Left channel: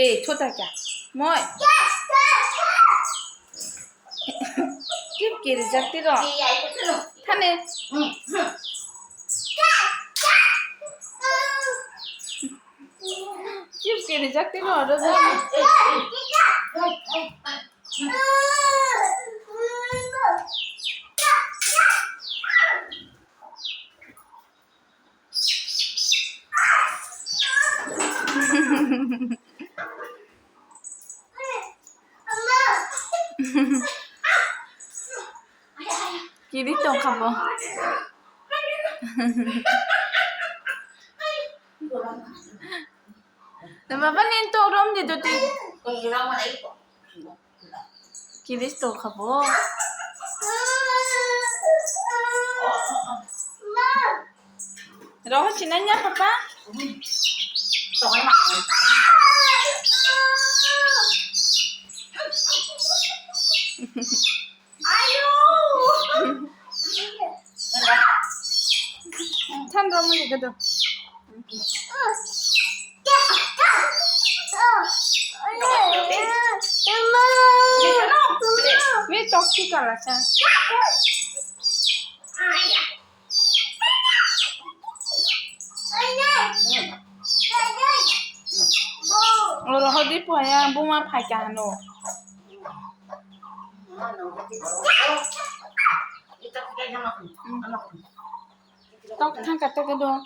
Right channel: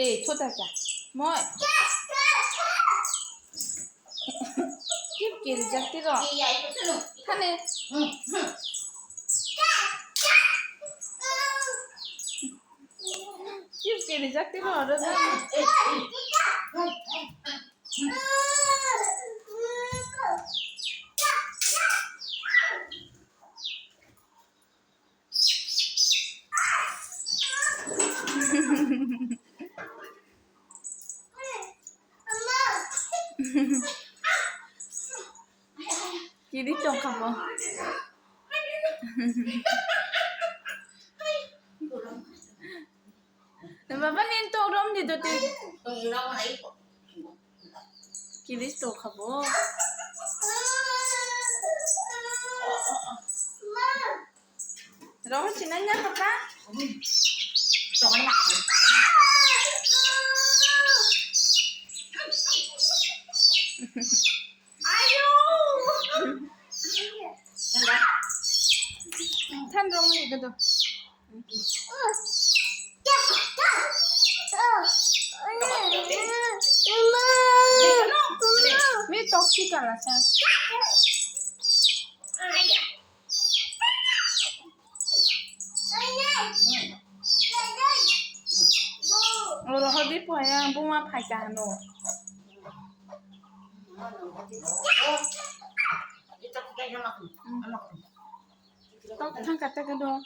에 초다자 뭐이 집기를 잡기로 타네 집기를 잡기로 알아서 길이 좀 가봐. Mà vẫn nên tô rôm thì tôi 길이 또 가봐. Rồi xin anh nhá papa. 찬 rôm gì cơ Mẹ tóc chứ cả là sao? Rồi họ đi bỏ ya, bố mà phải cả nó. Tóc thằng cả tóc cái đó.